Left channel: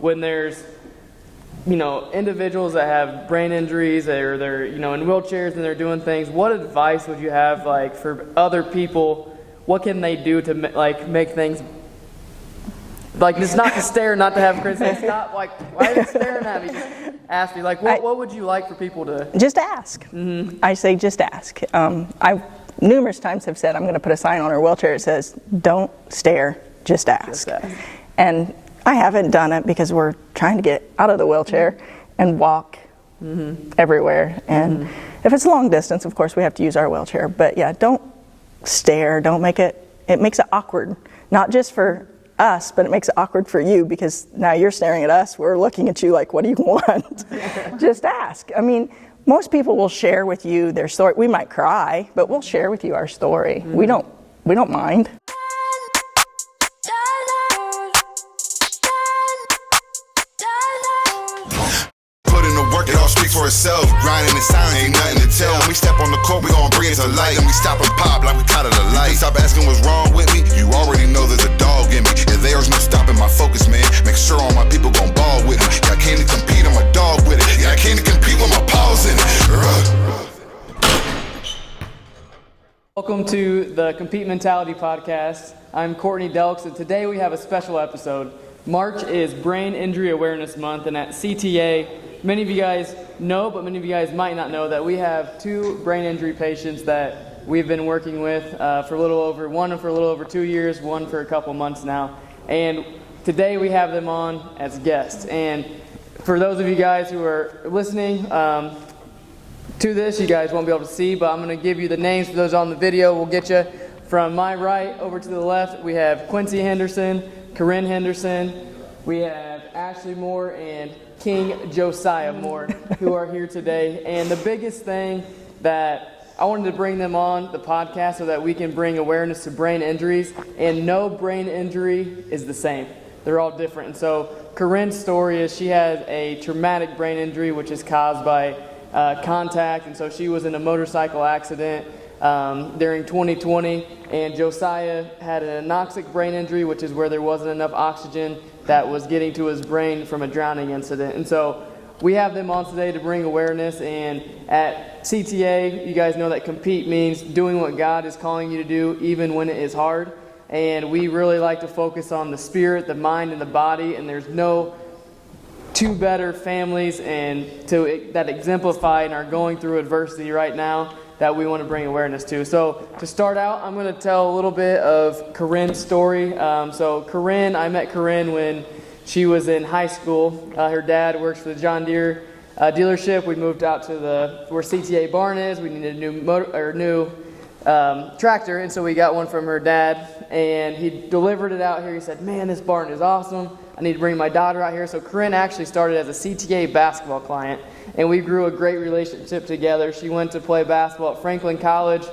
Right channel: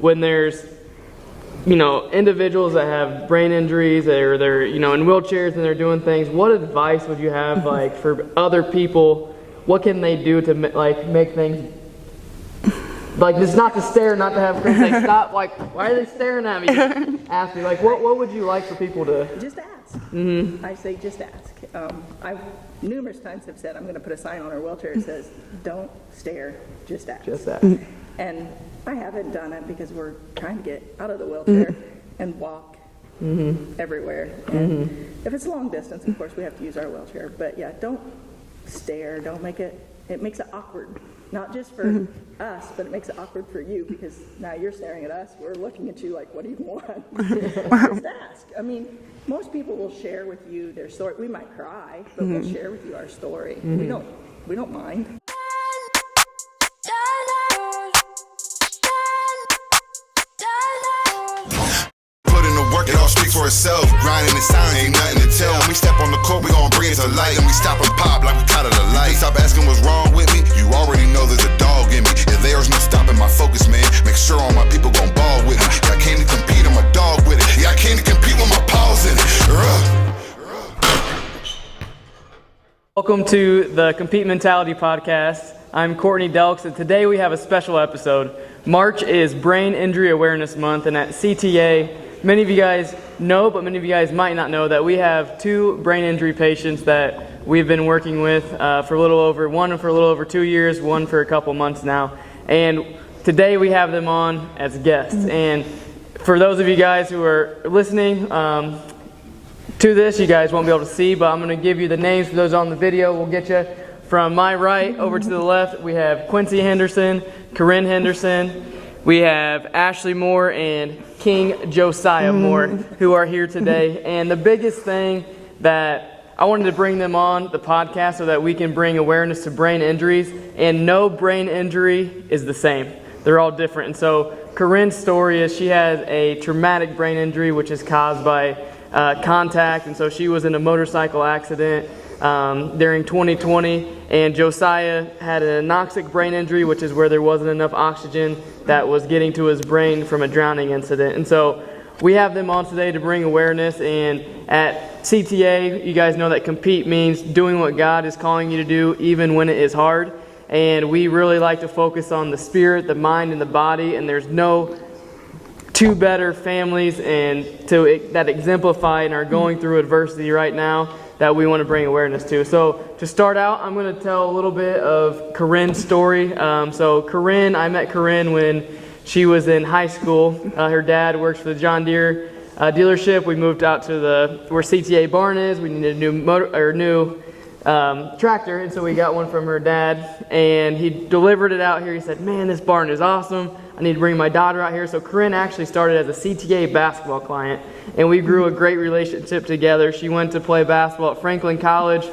when there's, individuals that have brain injuries or they're, in wheelchairs and they're doing things, what advice would you have, like, for other people? What can they do to, make things, like, it's not to stare, not to have, it's not like, why are they staring at me? Ask me, like, what would you like for people to? Just ask. Mm-hmm. I say just ask. I numerous times have said I'm going to put a sign on her wheelchair that says, don't stare, just ask. Just ask. And I haven't done it because we're trying to get out of the wheelchair and walk everywhere. And if it's long distance, of course, we have to use our wheelchair. But yeah, don't stare. Don't make it makes it awkward. Not just for us, but it makes it awkward for you because now you're staring at us. We're looking at you like, what do you want? Just ask. I mean, most people will share with you their story. We might cry, but we'll share with you our story. We don't mind. Work it all speak for itself. Grinding the sound, ain't nothing to tell. When we step on the court, we gon' bring it to light. And we stop and pop like we caught it a light. Stop asking what's wrong with me. You already know there's a dog in me. If there's no stopping my focus, man, make sure all my people gon' ball with me. Yeah, I came to compete, I'm a dog with it. Yeah, I came to compete with my paws in it. Welcome to the Compete Mentality Podcast. I'm Courtney Delks, and today we have a special episode. March is Brain Injury Awareness Month, and at CTA, many of you guys know, but many of you guys might not know that we have 2 brain injury patients that we've been working with for a little over 2 years, one for a couple months now. And today we have them on as guests. And for those of you guys who are listening to this, you guys won't be able to see, but I'm going to give you the names for those on the video. We'll get you from my right over to the left. We have Quincy Henderson, Corinne Henderson. We have Ashley Moore and King Josiah Moore who are here today. And the biggest thing that I wanted to bring them on the podcast so that we can bring awareness to brain injuries. And no brain injury is the same. They're all different. And so Corinne's story is she has a traumatic brain injury which is caused by contact. And so she was in a motorcycle accident during 2020. And Josiah had an anoxic brain injury, which is where there wasn't enough oxygen that was getting to his brain from a drowning incident. And so we have them on today to bring awareness. And at CTA, you guys know that compete means doing what God is calling you to do even when it is hard. And we really like to focus on the spirit, the mind, and the body. And there's no 2 better families that exemplify and are going through adversity right now that we want to bring awareness to. So to start out, I'm going to tell a little bit of Corinne's story. So I met Corinne when she was in high school. Her dad works for the John Deere dealership. We moved out to where CTA barn is. We needed a new tractor, and so we got one from her dad, and he delivered it out here. He said, man, this barn is awesome. I need to bring my daughter out here. So Corinne actually started as a CTA basketball client, and we grew a great relationship together. She went to play basketball at Franklin College.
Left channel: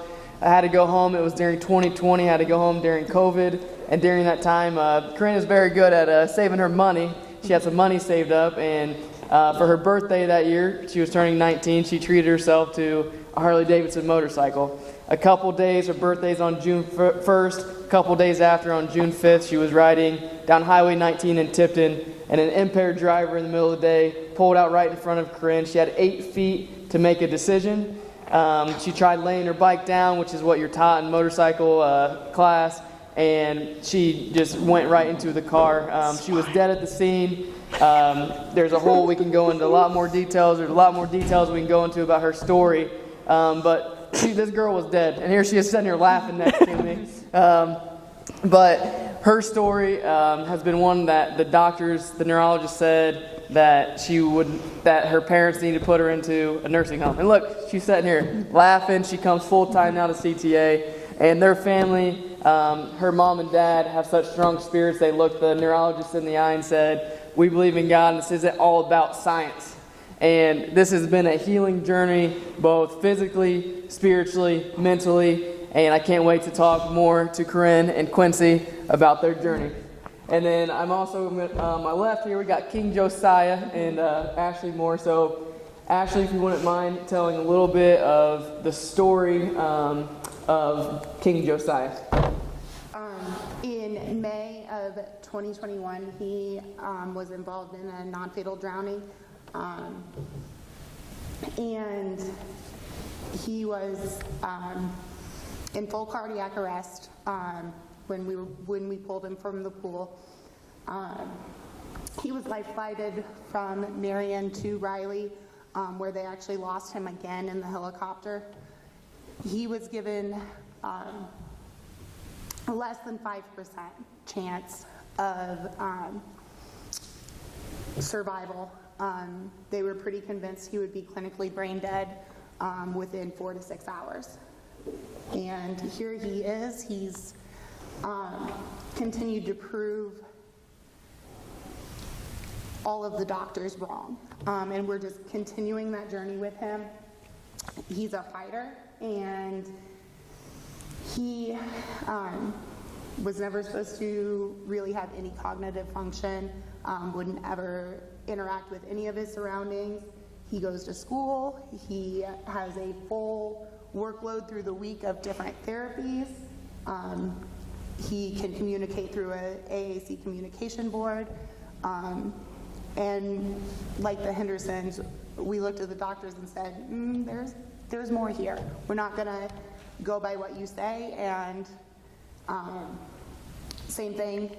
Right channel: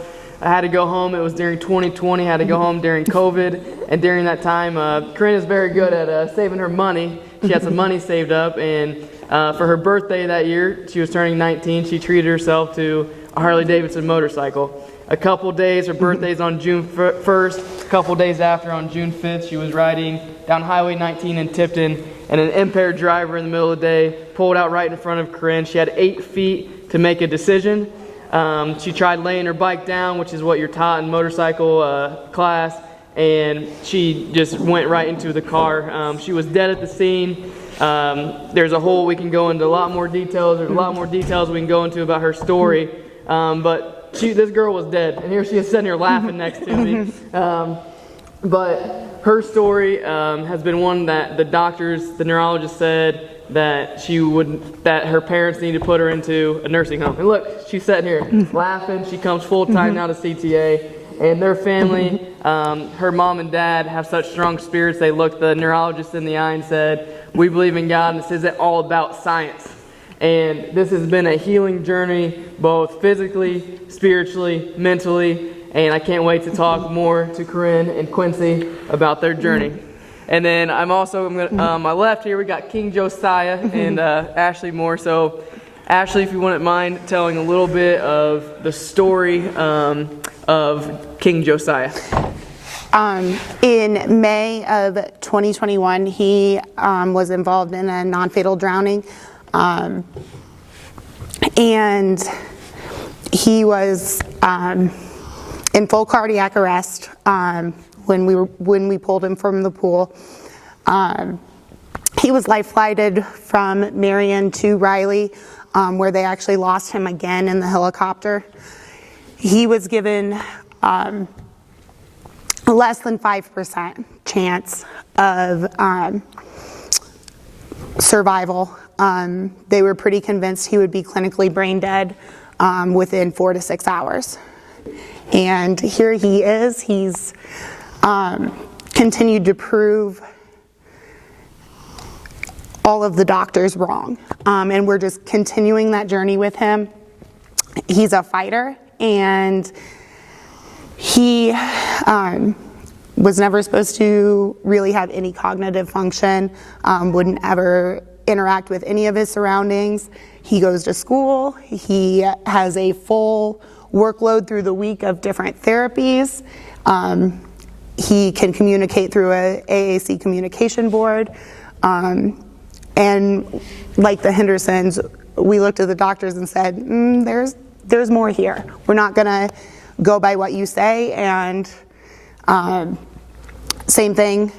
I had to go home. It was during 2020. I had to go home during COVID, and during that time, Corinne is very good at saving her money. She had some money saved up, and for her birthday that year, she was turning 19, she treated herself to a Harley-Davidson motorcycle. A couple days, her birthday's on June 1st, a couple days after, on June 5th, she was riding down Highway 19 in Tipton, and an impaired driver in the middle of the day pulled out right in front of Corinne. She had 8 feet to make a decision. She tried laying her bike down, which is what you're taught in motorcycle class, and she just went right into the car. She was dead at the scene. There's we can go into a lot more details. There's a lot more details we can go into about her story, but this girl was dead, and here she is sitting here laughing next to me. But her story has been one that the neurologist said that her parents need to put her into a nursing home. And look, she's sitting here laughing. She comes full time now to CTA, and their family, her mom and dad, have such strong spirits. They looked the neurologist in the eye and said, "We believe in God, and this isn't all about science." And this has been a healing journey, both physically, spiritually, mentally, and I can't wait to talk more to Corinne and Quincy about their journey. And then on my left here, we got King Josiah and Ashley Moore. So Ashley, if you wouldn't mind telling a little bit of the story of King Josiah. In May of 2021, he was involved in a non-fatal drowning, and he was in full cardiac arrest when we pulled him from the pool. He was life flighted from Marion to Riley, where they actually lost him again in the helicopter. He was given less than 5% chance of survival. They were pretty convinced he would be clinically brain dead within 4 to 6 hours. And here he is. He's continued to prove all of the doctors wrong. And we're just continuing that journey with him. He's a fighter, and he was never supposed to really have any cognitive function, wouldn't ever interact with any of his surroundings. He goes to school. He has a full workload through the week of different therapies. He can communicate through a AAC communication board. And like the Hendersons, we looked at the doctors and said, there's more here. We're not gonna go by what you say. And same thing,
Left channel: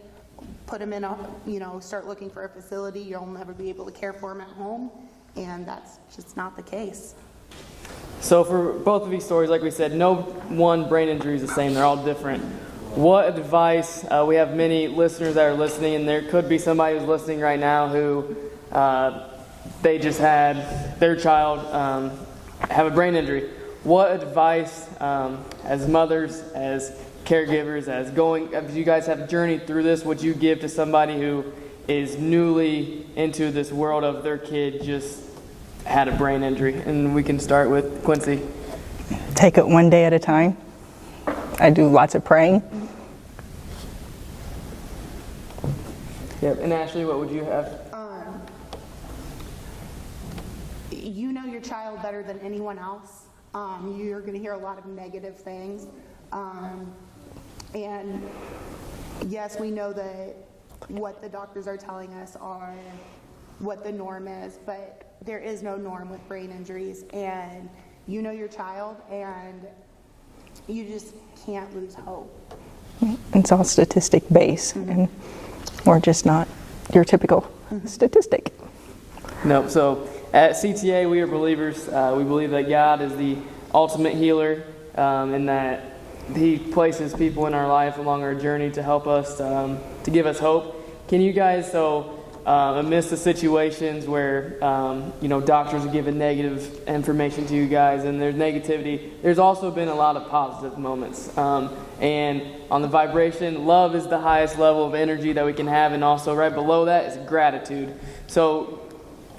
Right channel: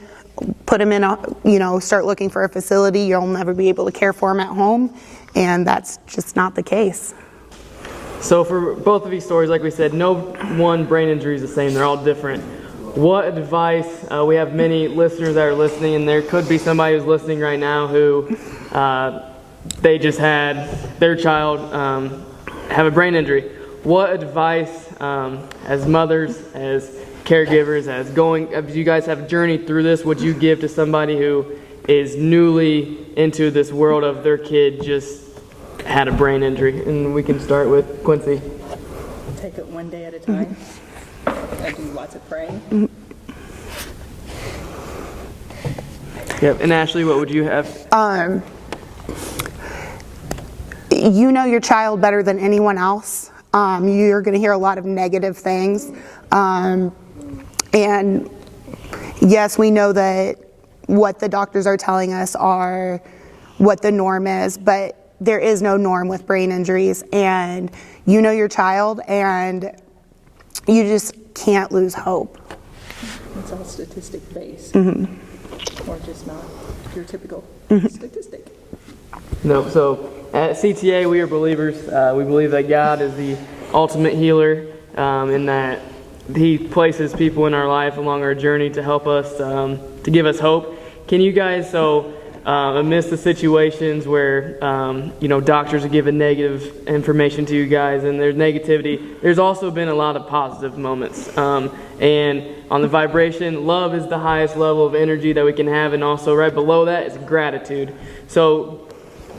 put him in start looking for a facility. You'll never be able to care for him at home. And that's just not the case. So for both of these stories, like we said, no one brain injury is the same. They're all different. What advice, we have many listeners that are listening, and there could be somebody who's listening right now who they just had their child have a brain injury. What advice, as mothers, as caregivers, as you guys have journeyed through this, would you give to somebody who is newly into this world of their kid just had a brain injury? And we can start with Quincy. Take it one day at a time. I do lots of praying. Yep. And Ashley, what would you have? You know your child better than anyone else. You're going to hear a lot of negative things. And yes, we know that what the doctors are telling us are what the norm is, but there is no norm with brain injuries. And you know your child, and you just can't lose hope. It's all statistic based, or just not your typical statistic. No, so at CTA we are believers. We believe that God is the ultimate healer, and that He places people in our life along our journey to help us, to give us hope. Can you guys, amidst the situations where doctors are giving negative information to you guys and there's negativity, there's also been a lot of positive moments. And on the vibration, love is the highest level of energy that we can have, and also right below that is gratitude. So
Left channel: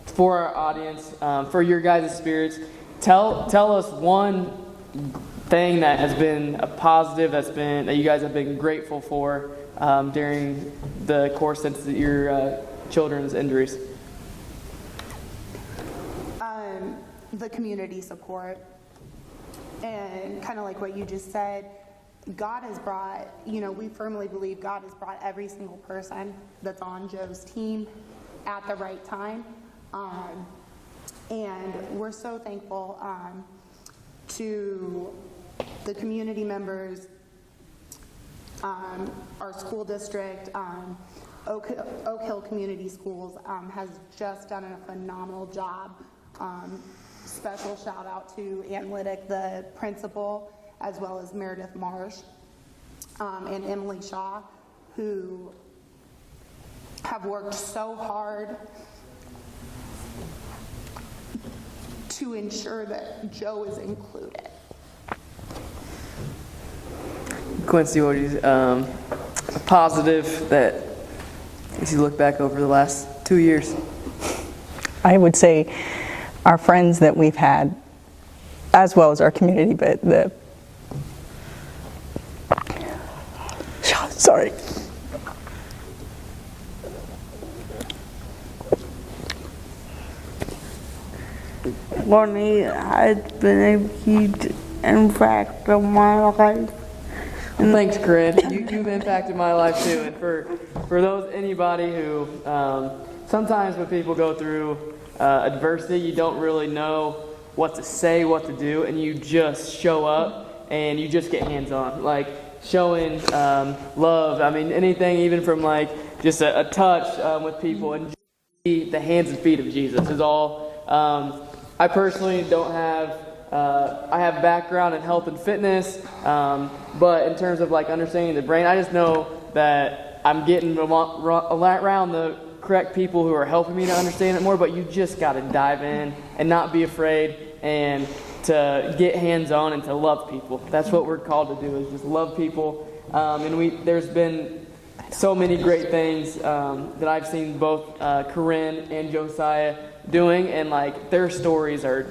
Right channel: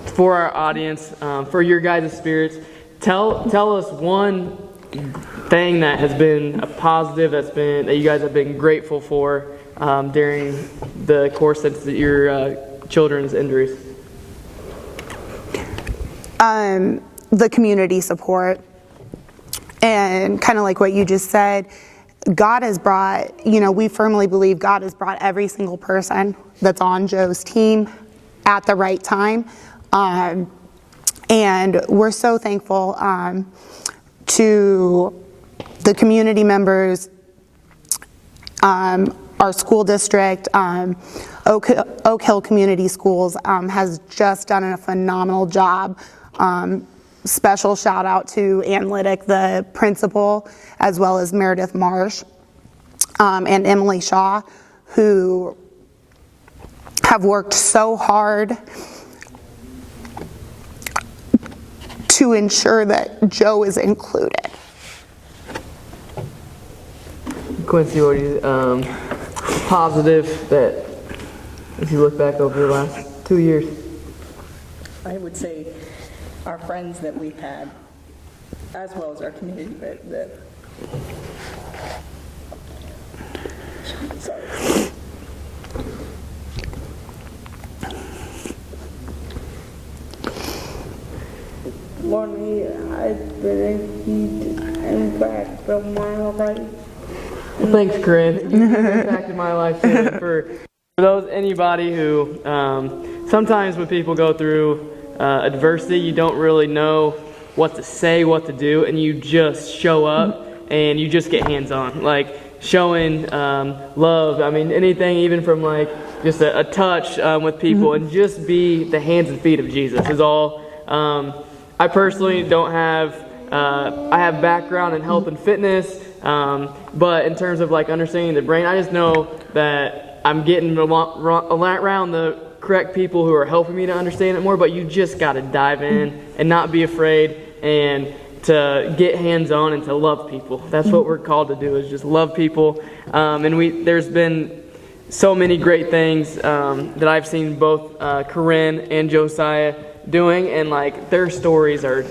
for our audience, for your guys' spirits, tell us one thing that has been a positive that you guys have been grateful for during the course of your children's injuries. The community support, and kind of like what you just said, God has brought, we firmly believe God has brought every single person that's on Joe's team at the right time. And we're so thankful to the community members, our school district, Oak Hill Community Schools has just done a phenomenal job. Special shout out to Ann Liddick, the principal, as well as Meredith Marsh and Emily Shaw, who have worked so hard to ensure that Joe is included. Quincy, what is positive that, as you look back over the last 2 years? I would say our friends that we've had, as well as our community, but sorry. Money has been a huge impact on my life. Thanks, Corinne. You've impacted my life too. For anybody who sometimes when people go through adversity, you don't really know what to say, what to do, and you just show up and you just get hands-on, like showing love. I mean, anything, even from like just a touch with people, and just be the hands and feet of Jesus is all. I personally don't have. I have background in health and fitness, but in terms of like understanding the brain, I just know that I'm getting around the correct people who are helping me to understand it more. But you just got to dive in and not be afraid, and to get hands-on and to love people. That's what we're called to do, is just love people. And there's been so many great things that I've seen both Corinne and Josiah doing, and like their stories are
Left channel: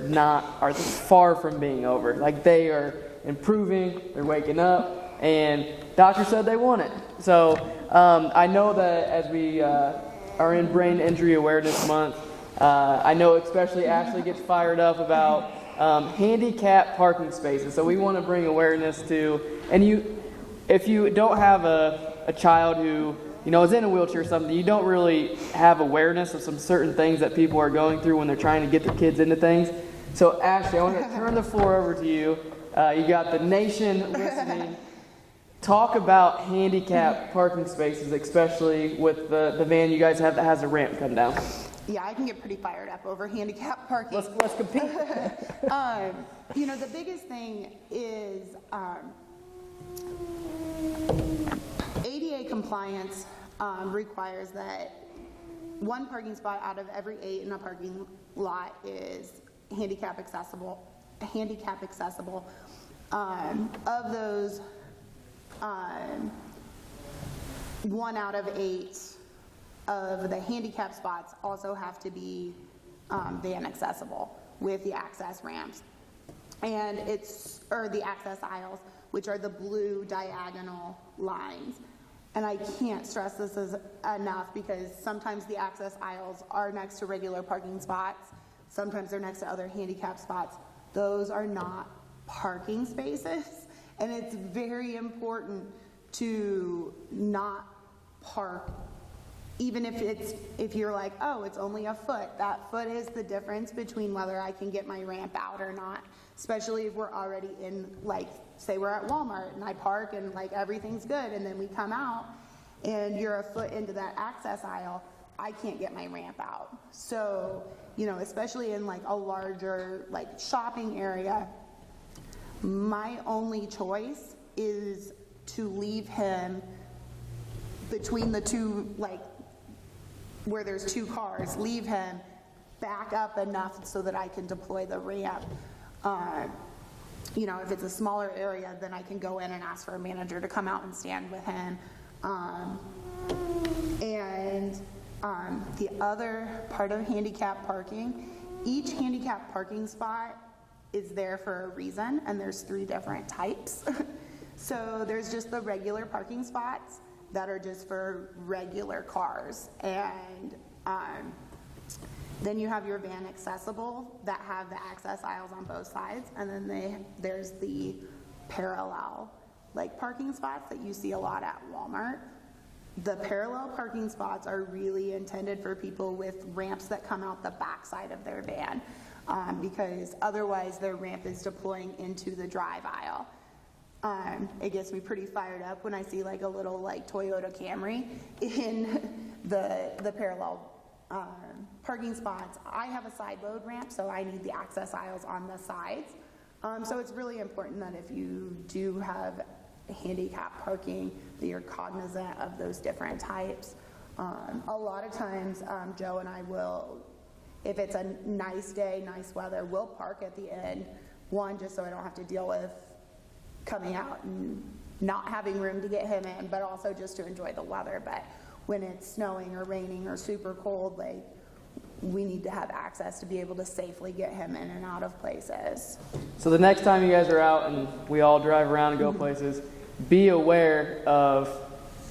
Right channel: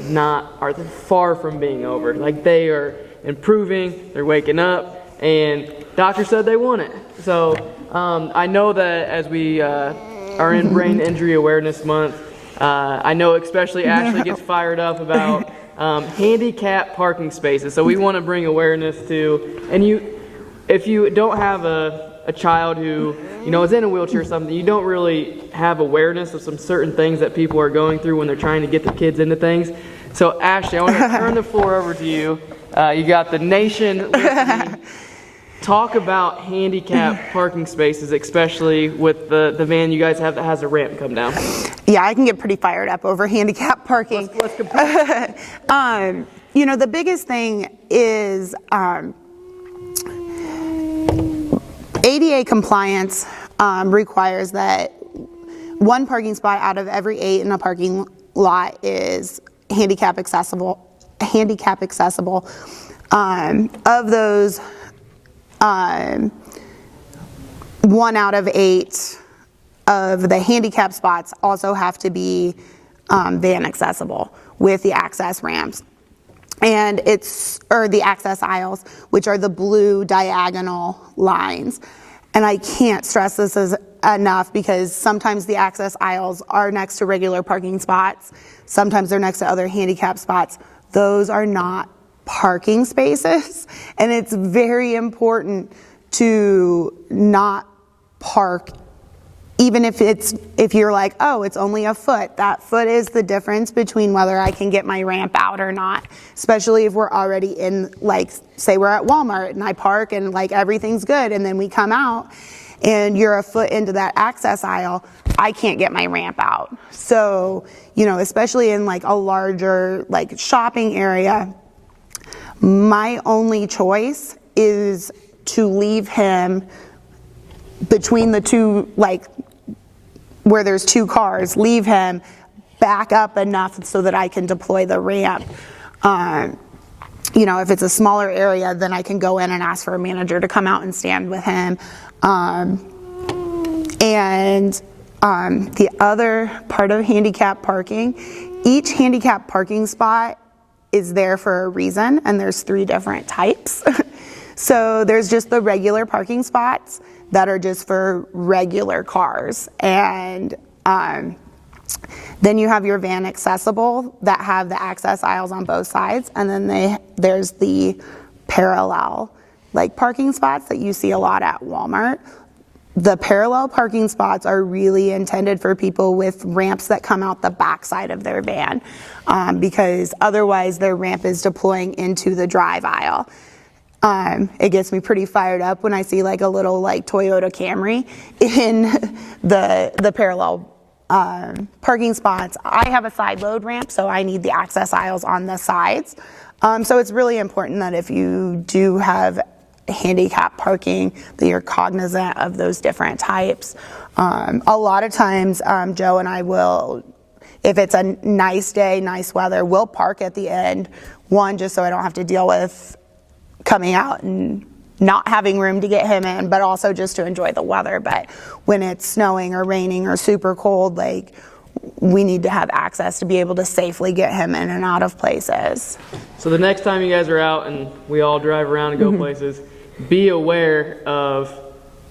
far from being over. Like they are improving, they're waking up, and doctor said they want it. So I know that as we are in Brain Injury Awareness Month, I know especially Ashley gets fired up about handicap parking spaces. So we want to bring awareness to, and if you don't have a child who is in a wheelchair or something, you don't really have awareness of some certain things that people are going through when they're trying to get their kids into things. So Ashley, I want to turn the floor over to you. You got the nation listening. Talk about handicap parking spaces, especially with the van you guys have that has a ramp come down. Yeah, I can get pretty fired up over handicap parking. Let's compare. The biggest thing is ADA compliance requires that one parking spot out of every 8 in a parking lot is handicap accessible. Of those, 1 out of 8 of the handicap spots also have to be van accessible with the access ramps. And the access aisles, which are the blue diagonal lines. And I can't stress this enough, because sometimes the access aisles are next to regular parking spots. Sometimes they're next to other handicap spots. Those are not parking spaces. And it's very important to not park, even if you're like, oh, it's only a foot. That foot is the difference between whether I can get my ramp out or not, especially if we're already in, like, say we're at Walmart and I park and like everything's good, and then we come out and you're a foot into that access aisle, I can't get my ramp out. So, especially in like a larger like shopping area, my only choice is to leave him between the two, like where there's 2 cars, leave him back up enough so that I can deploy the ramp. If it's a smaller area, then I can go in and ask for a manager to come out and stand with him. The other part of handicap parking, each handicap parking spot is there for a reason, and there's 3 different types. So there's just the regular parking spots that are just for regular cars, and then you have your van accessible that have the access aisles on both sides, and then there's the parallel like parking spots that you see a lot at Walmart. The parallel parking spots are really intended for people with ramps that come out the back side of their van, because otherwise their ramp is deploying into the drive aisle. It gets me pretty fired up when I see like a little like Toyota Camry in the parallel parking spots. I have a side load ramp, so I need the access aisles on the sides. So it's really important that if you do have handicap parking, that you're cognizant of those different types. A lot of times, Joe and I will, if it's a nice day, nice weather, we'll park at the end, just so I don't have to deal with coming out and not having room to get him in, but also just to enjoy the weather. But when it's snowing or raining or super cold, like, we need to have access to be able to safely get him in and out of places. So the next time you guys are out and we all drive around and go places, be aware of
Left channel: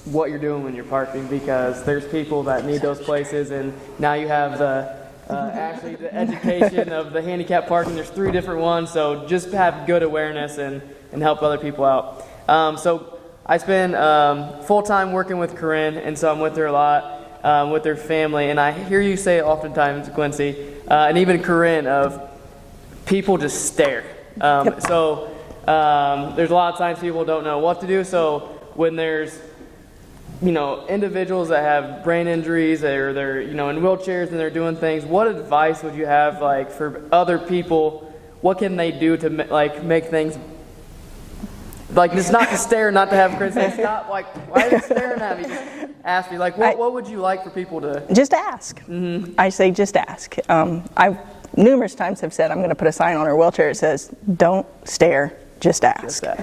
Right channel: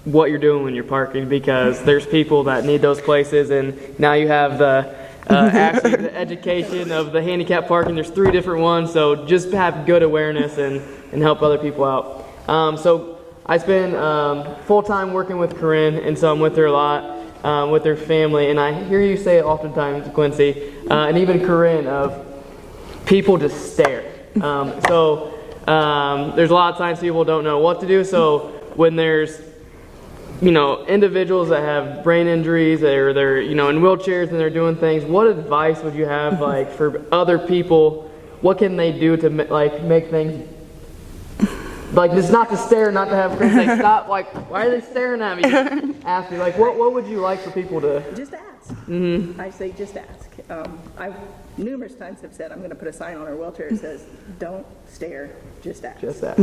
what you're doing when you're parking, because there's people that need those places, and now you have the actually the education of the handicap parking. There's 3 different ones, so just have good awareness and help other people out. So I spend full-time working with Corinne, and so I'm with her a lot, with her family, and I hear you say oftentimes, Quincy, and even Corinne, of people just stare. So there's a lot of times people don't know what to do, so when there's individuals that have brain injuries or they're in wheelchairs and they're doing things, what advice would you have like for other people? What can they do to make things like just not to stare, not to have say stop, like why are they staring at me? Ask me like what would you like for people to just ask? I say just ask. I've numerous times have said I'm going to put a sign on her wheelchair that says don't stare, just ask. Just ask.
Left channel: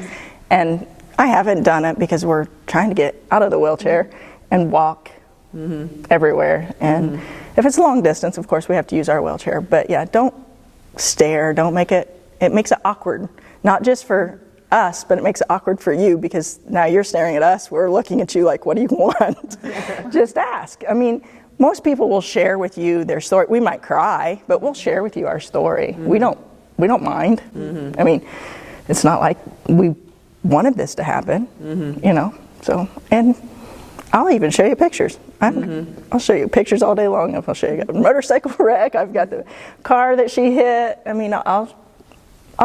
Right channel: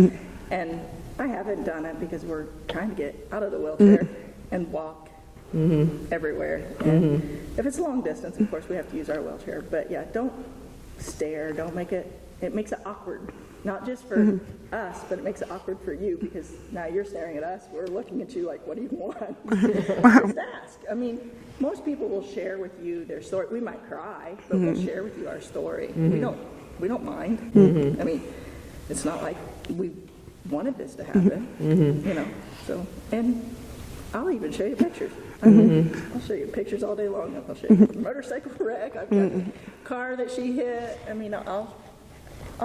And I haven't done it because we're trying to get out of the wheelchair and walk everywhere. And if it's long distance, of course, we have to use our wheelchair. But yeah, don't stare. Don't make it. It makes it awkward, not just for us, but it makes it awkward for you because now you're staring at us. We're looking at you like, what do you want? Just ask. I mean, most people will share with you their story. We might cry, but we'll share with you our story. We don't mind. I mean, it's not like we wanted this to happen, so, and I'll even show you pictures. I'll show you pictures all day long. I'll show you a motorcycle wreck. I've got the car that she hit. I mean, I'll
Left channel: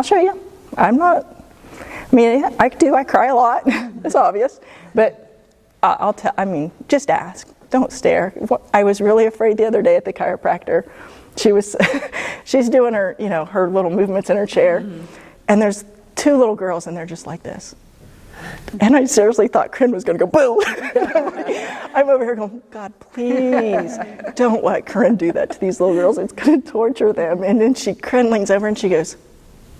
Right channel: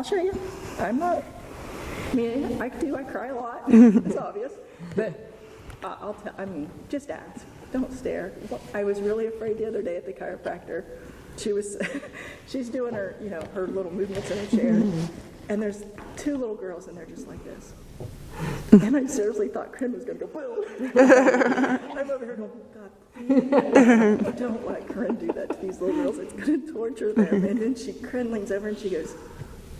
show you. I cry a lot. It's obvious, but just ask. Don't stare. I was really afraid the other day at the chiropractor. She's doing her, her little movements in her chair, and there's 2 little girls, and they're just like this. And I seriously thought Corinne was going to go boom. I'm over here going, God, please don't let Corinne do that to these little girls. It's going to torture them. And then Corinne leans over and she goes,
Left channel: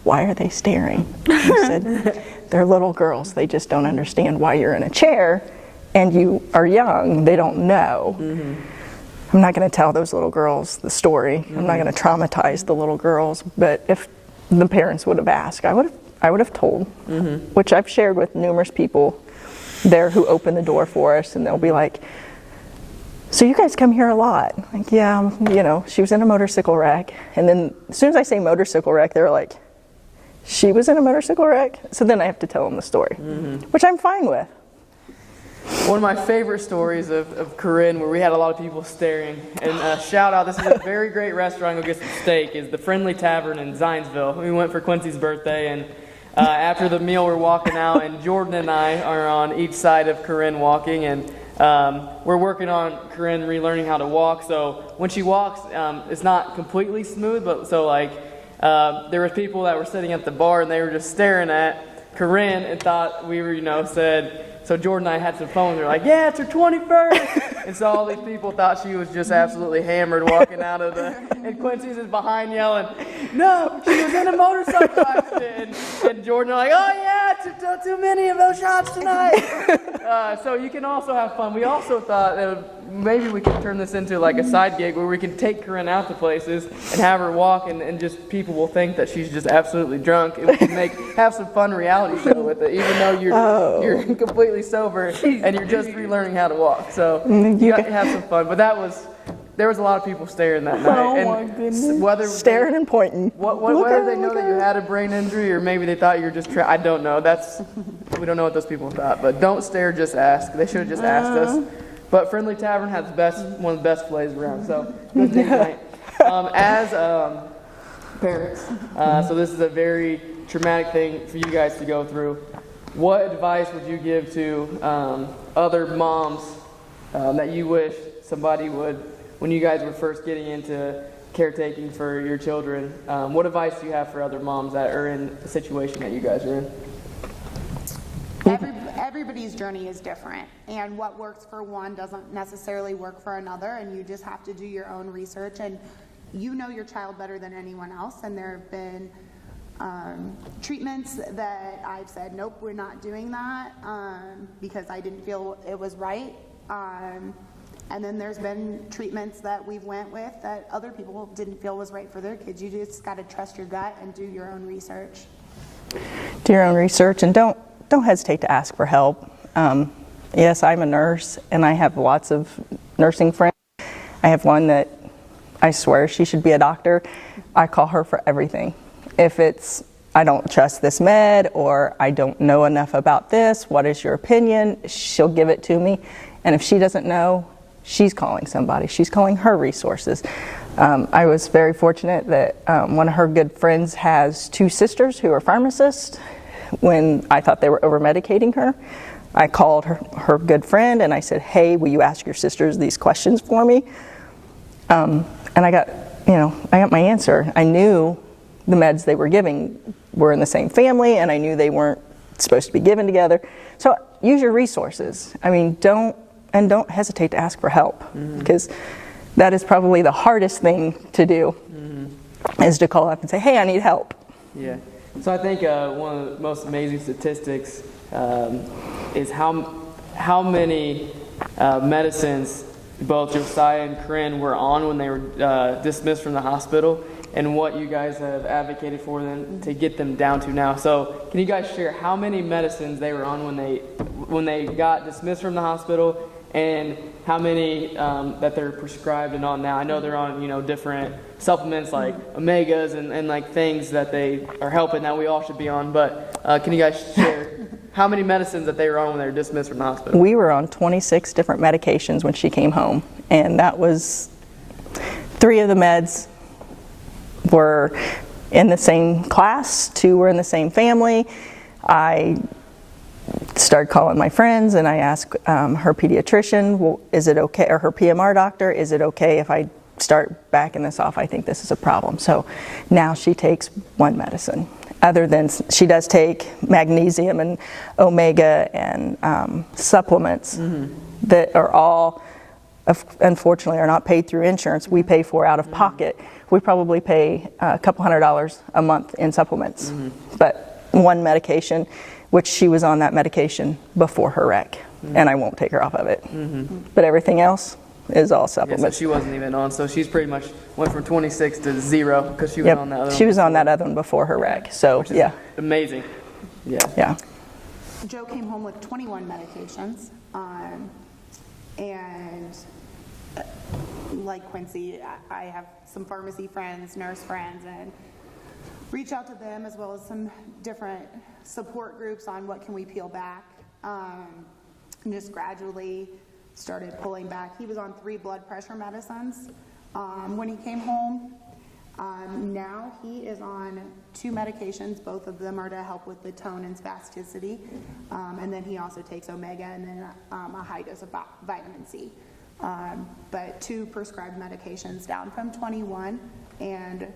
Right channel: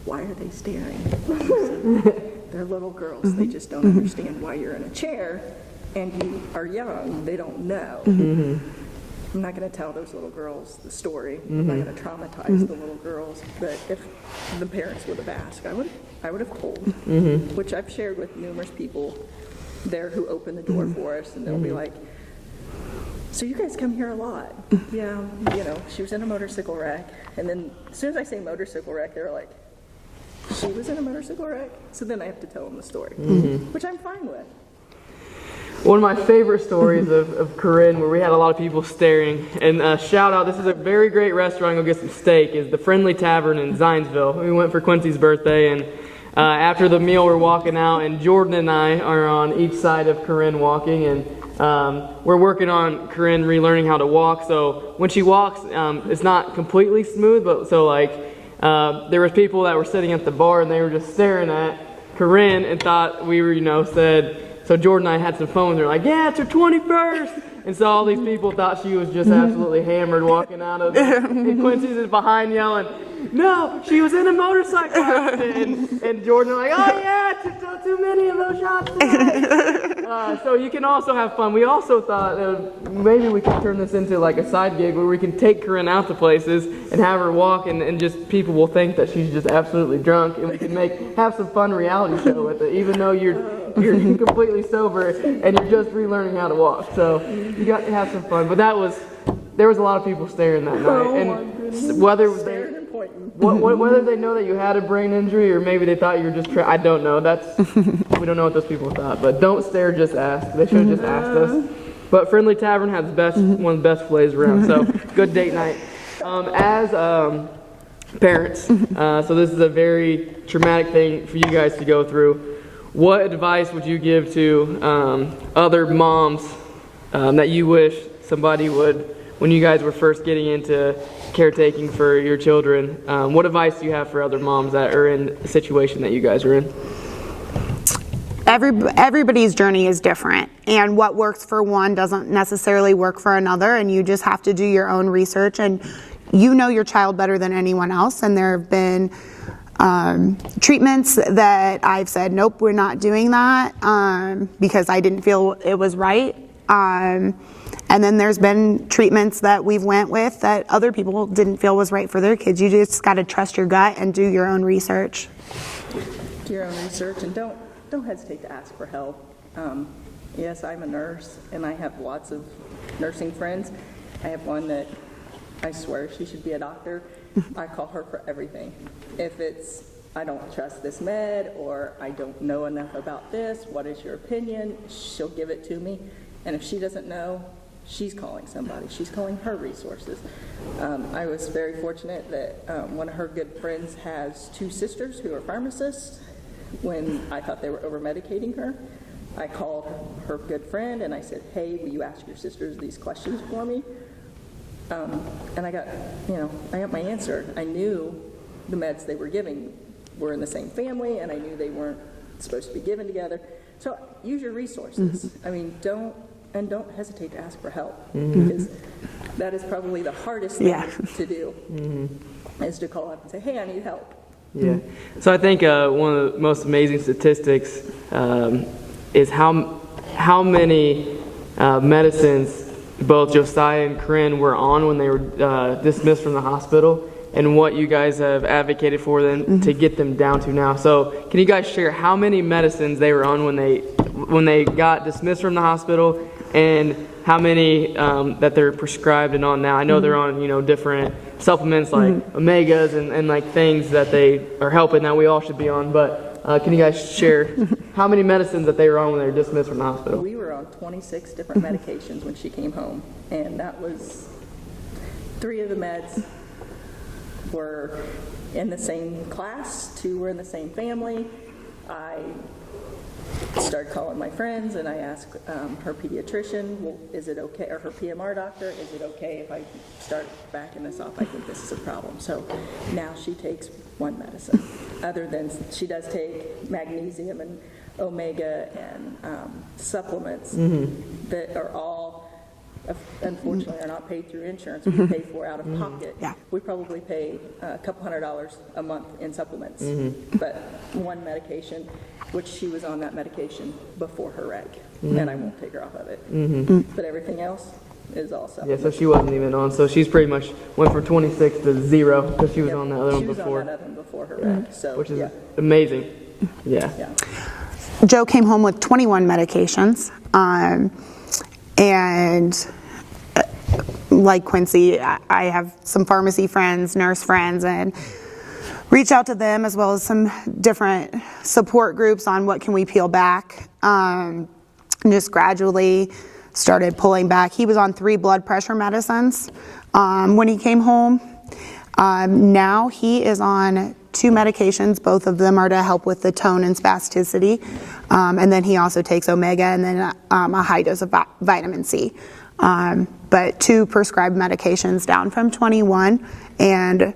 why are they staring? I said, they're little girls. They just don't understand why you're in a chair and you are young. They don't know. I'm not going to tell those little girls the story. I'm not going to traumatize the little girls. But if the parents would have asked, I would have told, which I've shared with numerous people there who open the door for us, and they'll be like, so you guys come here a lot? Like, yeah, she was in a motorcycle wreck. And then as soon as I say motorcycle wreck, they're like, she was in a motorcycle wreck? So then I have to tell them the story, which I'm fine with. One of my favorite stories of Corinne, where we had a lot of people staring, and shout out, this is a very great restaurant, go get some steak, is the Friendly Tavern in Zionsville. We went for Quincy's birthday, and after the meal we're walking out, and Jordan and I are on each side of Corinne walking, and we're working on Corinne relearning how to walk. So when she walks, it's not completely smooth, but so there was people that were sitting at the bar, and they were just staring at Corinne and thought we were, so Jordan and I had some phone. They're like, yeah, it's her 21st. And so all these people thought she was just absolutely hammered walking out of and Quincy's is behind yelling, no, she was in a motorcycle accident. And Jordan are like, oh yeah, too many of those shots tonight. So you can also have fun. We also thought that maybe we could turn this into like a side gig where we can take Corinne out to places and have her walk, and just people will think that she's just absolutely drunk, and we can have some fun reality show with it, even though you're completely sober and you're just relearning how to walk. So you got to have some fun. But there was a lot of people staring that night. Oh my goodness. Staring and pointing. Whether they know that you had a brain injury or maybe they thought you were just I don't know. We don't know what those people thought. But don't stare, just ask. They should have just asked us. But Friendly Tavern has one of the best plays around. So good date night. As parents, so this is a very traumatic thing for you guys to go through. What advice would you give to other moms that you wish somebody would, when you guys were first getting into caretaking for your children? What advice do you have for other moms that are in the situation that you guys are in? Everybody's journey is different, and what works for one doesn't necessarily work for another, and you just have to do your own research, and you know your child better than anyone else. And there have been treatments that I've said, nope, we're not doing that because I didn't feel it was right. And then there's been treatments that we've went with that other people didn't feel was right for their kids. You just got to trust your gut and do your own research. Do your own research, and don't hesitate to ask for help. Yes, I'm a nurse, and I have lots of nursing friends. I have one that I swear she should be a doctor. I call her for everything. If it's I don't trust this med, or I don't know enough about this. What is your opinion? She'll give it to me. And if she doesn't know, she's calling somebody. She's calling her resources. I was very fortunate that one of her good friends has 2 sisters who are pharmacists. When I thought they were over-medicating her, I called her good friend and I said, hey, will you ask your sisters these questions for me? And I got my answer. I knew the meds they were giving were in the same family, and I knew they weren't supposed to be given together. So use your resources. I mean, don't hesitate to ask for help, because that is probably the hardest thing to do, is to call up and say, hey, I need help. Yeah. So I think one of the most amazing statistics is how many medicines both Josiah and Corinne were on when they were dismissed from the hospital, and what you guys have advocated for them to get them down to now. So can you guys share how many medicines they were on when they got dismissed from the hospital, and how many that they're prescribed and on now? I know they're on different supplements like omegas and like things that they are helping that we all should be on, but can you guys share how many medicines that they were on when they were dismissed from the hospital? We were on 26 different medications when she came home, and that was 3 of the meds were in the same class, 2 were in the same family. I started calling my friends and I asked her pediatrician, well, is it okay, or her PMR doctor, is it okay if I start backing this off? I think this is a problem. So now she takes 1 medicine. Other than, she does take magnesium and omega and supplements that are all, unfortunately, are not paid through insurance. We pay for out of pocket. We probably pay a couple $100s a month in supplements. But 1 medication, which she was on that medication before her wreck, and I won't take her off of it. But everything else is all supplements. Yeah, so she wasn't even on. So she's pretty much went from 26 to 0 because she was on that other one. She was on that other one before her wreck. So which is amazing. Yeah. Joe came home with 21 medications, and like Quincy, I have some pharmacy friends, nurse friends, and reach out to them as well as some different support groups on what can we peel back. And just gradually started pulling back. He was on 3 blood pressure medicines when he came home. Now he is on 2 medications. Both of them are to help with the tone and spasticity. And then he also takes omega and then a high dose of vitamin C. But 2 prescribed medications down from 21, and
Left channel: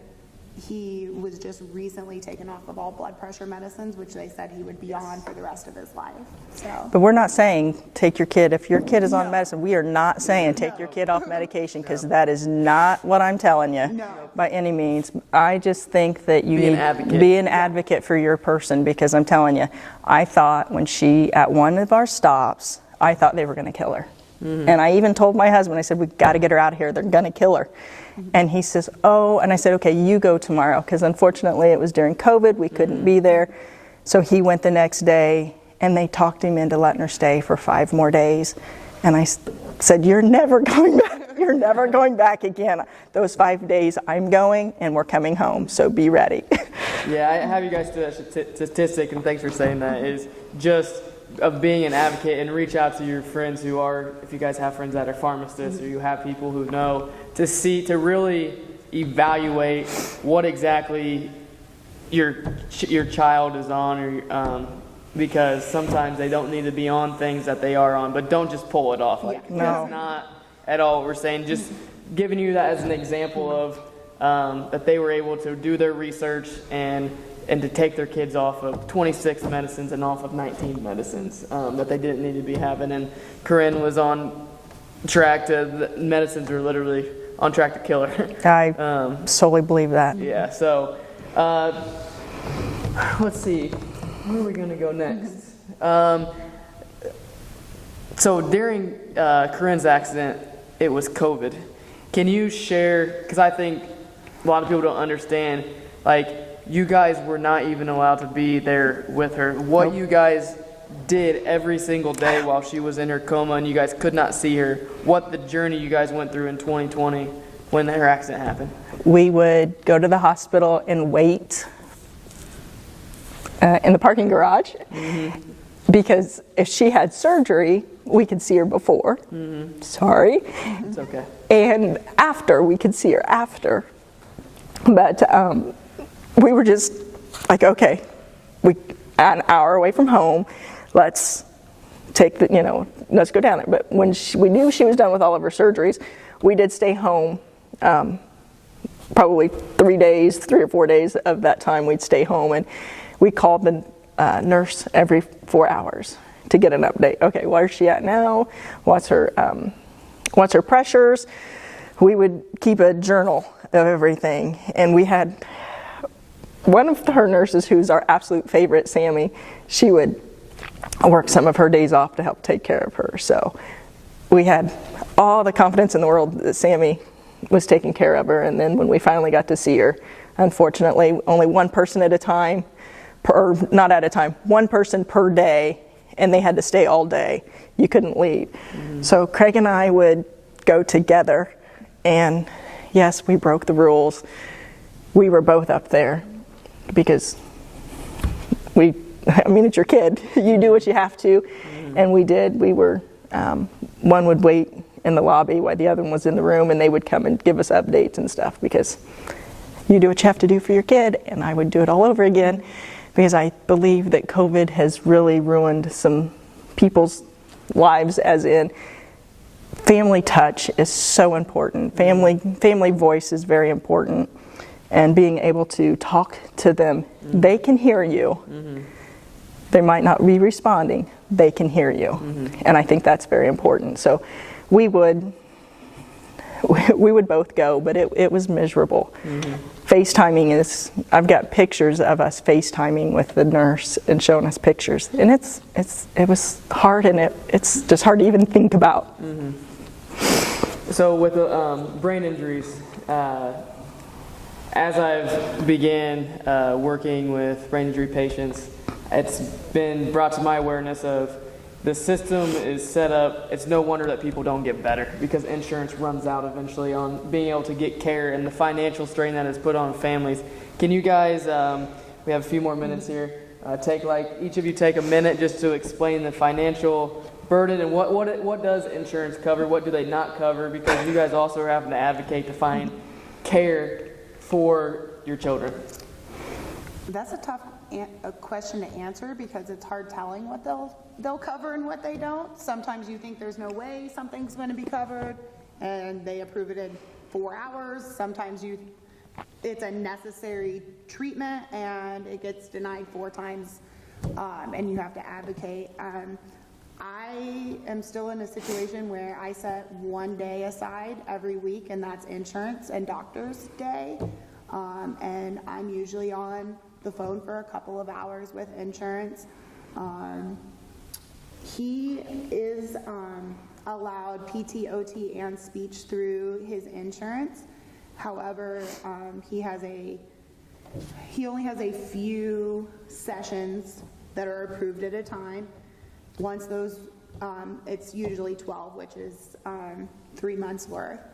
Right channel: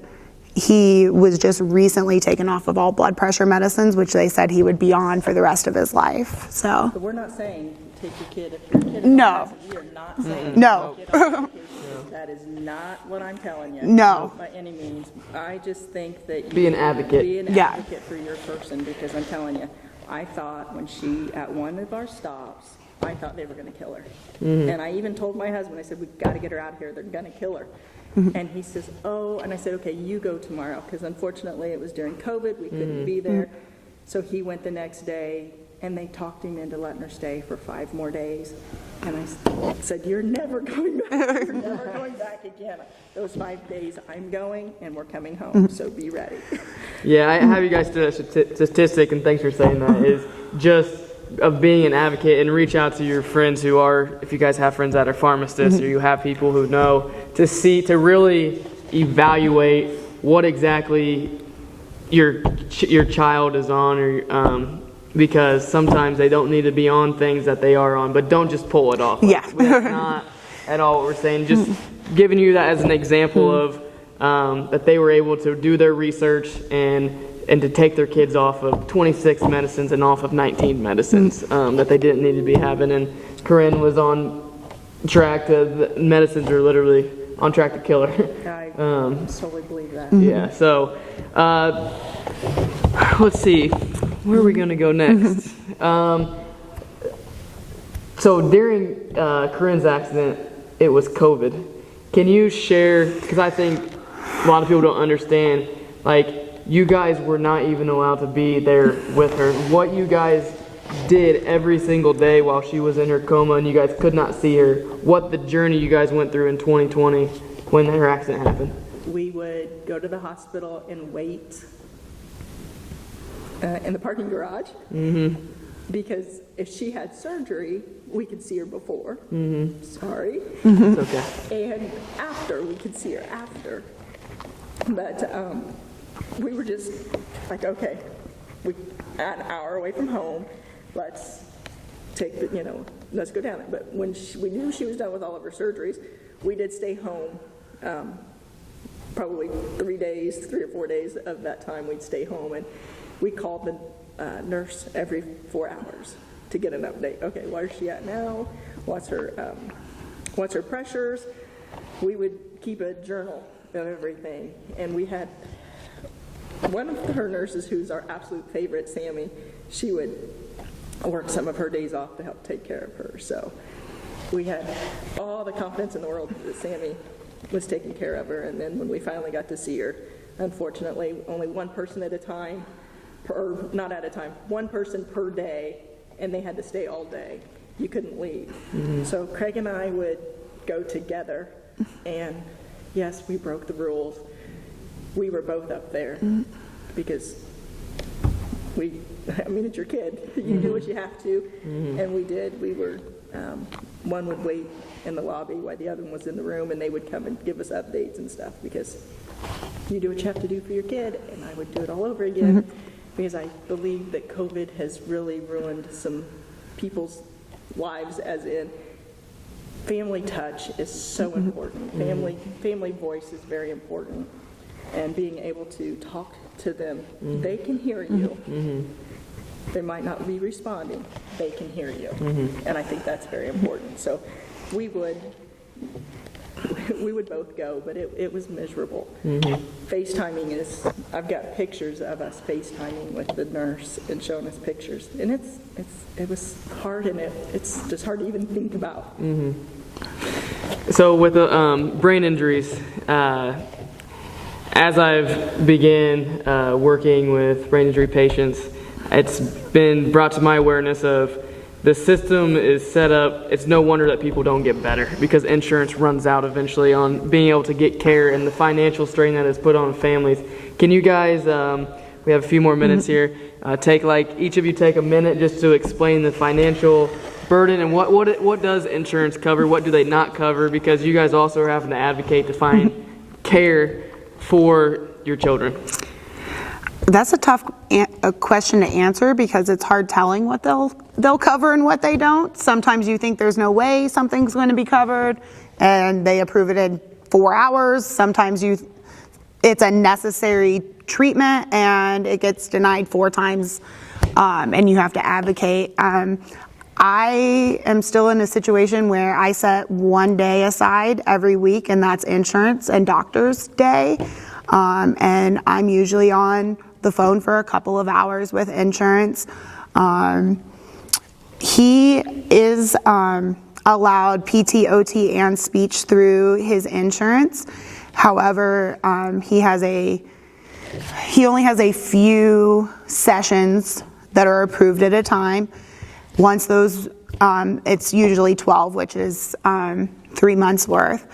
he was just recently taken off of all blood pressure medicines, which they said he would be on for the rest of his life. So, but we're not saying take your kid, if your kid is on medicine, we are not saying take your kid off medication, because that is not what I'm telling you. No. By any means. I just think that you Be an advocate. Be an advocate for your person, because I'm telling you, I thought when she, at one of our stops, I thought they were going to kill her. And I even told my husband, I said, we got to get her out of here. They're going to kill her. And he says, oh, and I said, okay, you go tomorrow, because unfortunately it was during COVID, we couldn't be there. So he went the next day, and they talked him into letting her stay for 5 more days. And I said, you're never going back. You're never going back again. Those 5 days, I'm going, and we're coming home, so be ready. Yeah, I have you guys do a statistic, and thanks for saying that, is just of being an advocate, and reach out to your friends who are, if you guys have friends that are pharmacists, or you have people who know, to really evaluate what exactly your child is on, or because sometimes they don't need to be on things that they are on, but don't just pull it off. Yeah. That's not at all what we're saying. Just giving you that as an example of that they were able to do their research and to take their kids off of 26 medicines and off of 19 medicines that they didn't need to be having. And Corinne was on track to, the medicines are literally on track to kill her. I solely believe that. Yeah, so let's see, where are we going to go next? So during Corinne's accident, it was COVID. Can you share, because I think a lot of people don't understand, like, you guys were not even allowed to be there with her. What you guys did every single day while she was in her coma and you guys could not see her. What the journey you guys went through in 2020 when her accident happened. We would go to the hospital and wait in the parking garage, because if she had surgery, we could see her before. Sorry. It's okay. And after, we could see her after. But we were just like, okay, we an hour away from home, let's take the, let's go down there. But when we knew she was done with all of her surgeries, we did stay home. Probably 3 or 4 days of that time we'd stay home, and we called the nurse every 4 hours to get an update. Okay, where's she at now? What's her pressures? We would keep a journal of everything, and we had one of her nurses, who's our absolute favorite, Sammy. She would work some of her days off to help take care of her. So we had all the confidence in the world that Sammy was taking care of her. And then when we finally got to see her, unfortunately, only one person at a time, one person per day, and they had to stay all day. You couldn't leave. So Craig and I would go together, and yes, we broke the rules. We were both up there because it's your kid. You do what you have to, and we did. We were, one would wait in the lobby while the other one was in the room, and they would come and give us updates and stuff, because you do what you have to do for your kid, and I would do it all over again, because I believe that COVID has really ruined some people's lives, as in family touch is so important. Family voice is very important, and being able to talk to them. They can hear you. They might not be responding. They can hear you, and I think that's very important. So we would both go, but it was miserable. FaceTiming I've got pictures of us FaceTiming with the nurse and showing us pictures, and it was hard, and it's just hard to even think about. So with the brain injuries, as I've began working with brain injury patients, it's been brought to my awareness of the system is set up. It's no wonder that people don't get better, because insurance runs out eventually on being able to get care, and the financial strain that is put on families. Can you guys, we have a few more minutes here, each of you take a minute just to explain the financial burden and what does insurance cover, what do they not cover, because you guys also are having to advocate to find care for your children. That's a tough question to answer, because it's hard telling what they'll cover and what they don't. Sometimes you think there's no way something's going to be covered, and they approve it in 4 hours. Sometimes it's a necessary treatment, and it gets denied 4 times, and you have to advocate. I am still in a situation where I set 1 day aside every week, and that's insurance and doctor's day, and I'm usually on the phone for a couple of hours with insurance. He is allowed PT, OT, and speech through his insurance. However, he only has a few sessions that are approved at a time. Once those, it's usually 12, which is 3 months worth,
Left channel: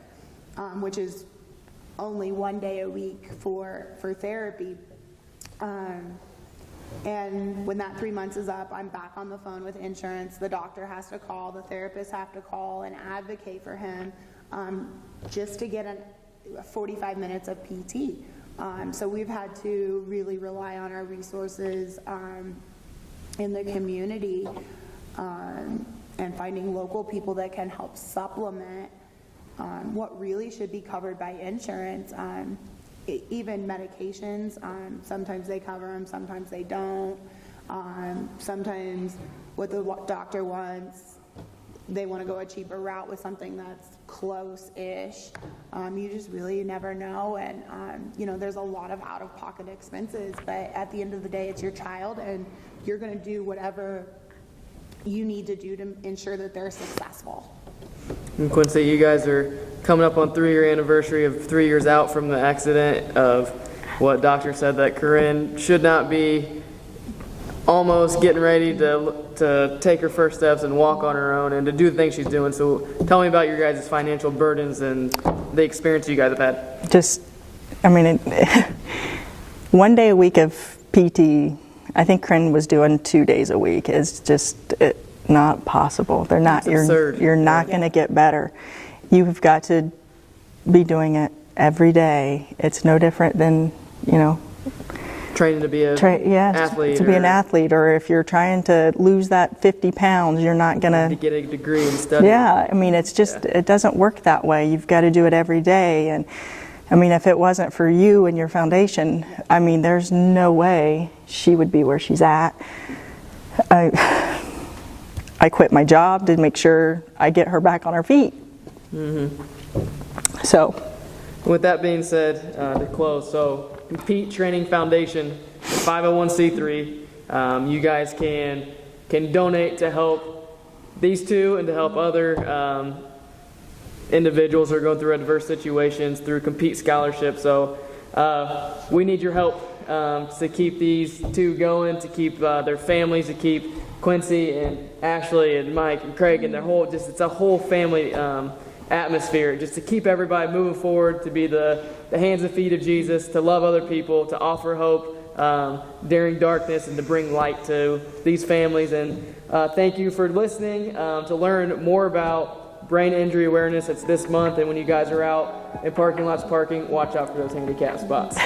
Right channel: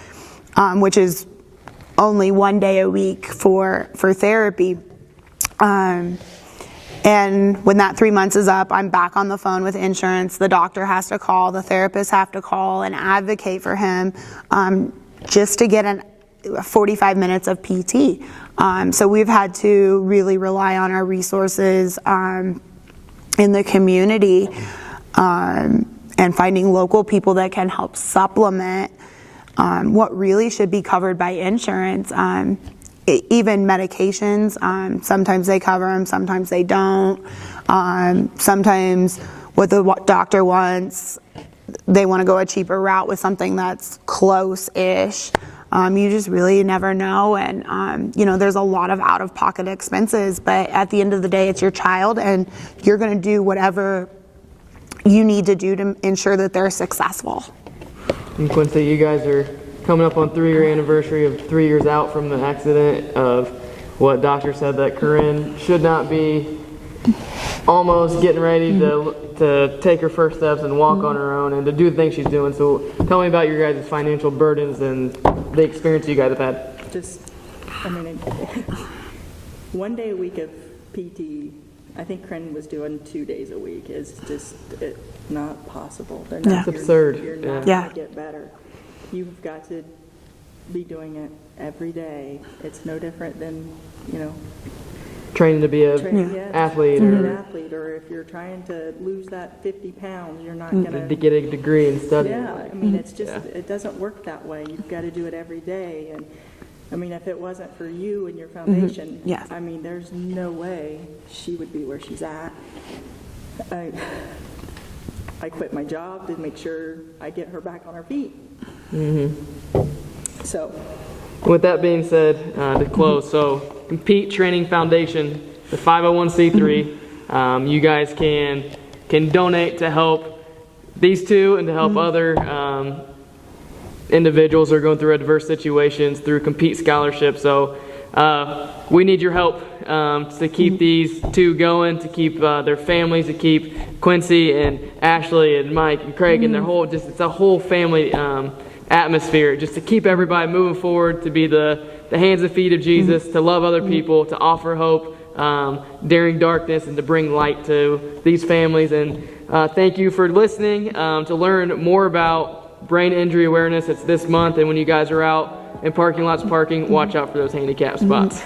which is only 1 day a week for therapy. And when that 3 months is up, I'm back on the phone with insurance. The doctor has to call, the therapists have to call and advocate for him, just to get 45 minutes of PT. So we've had to really rely on our resources in the community, and finding local people that can help supplement what really should be covered by insurance. Even medications, sometimes they cover them, sometimes they don't. Sometimes what the doctor wants, they want to go a cheaper route with something that's close-ish. You just really never know, and there's a lot of out-of-pocket expenses, but at the end of the day, it's your child, and you're going to do whatever you need to do to ensure that they're successful. And Quincy, you guys are coming up on 3-year anniversary of 3 years out from the accident, of what doctor said that Corinne should not be almost getting ready to take her first steps and walk on her own and to do the things she's doing. So tell me about your guys' financial burdens and the experience you guys have had. 1 day a week of PT, I think Corinne was doing 2 days a week. It's just not possible. They're not. That's absurd. You're not going to get better. You've got to be doing it every day. It's no different than, Training to be a athlete. To be an athlete, or if you're trying to lose that 50 pounds, you're not going to get a degree and study. Yeah, I mean, it's just, it doesn't work that way. You've got to do it every day. And I mean, if it wasn't for you and your foundation, I mean, there's no way she would be where she's at. I quit my job to make sure I get her back on her feet. So. With that being said, to close, so Compete Training Foundation, the 501c3. You guys can donate to help these two and to help other individuals who are going through adverse situations through Compete Scholarship. So we need your help to keep these two going, to keep their families, to keep Quincy and Ashley and Mike and Craig and their whole, it's a whole family atmosphere, just to keep everybody moving forward, to be the hands and feet of Jesus, to love other people, to offer hope during darkness, and to bring light to these families. And thank you for listening. To learn more about brain injury awareness, it's this month, and when you guys are out in parking lots parking, watch out for those handicap spots.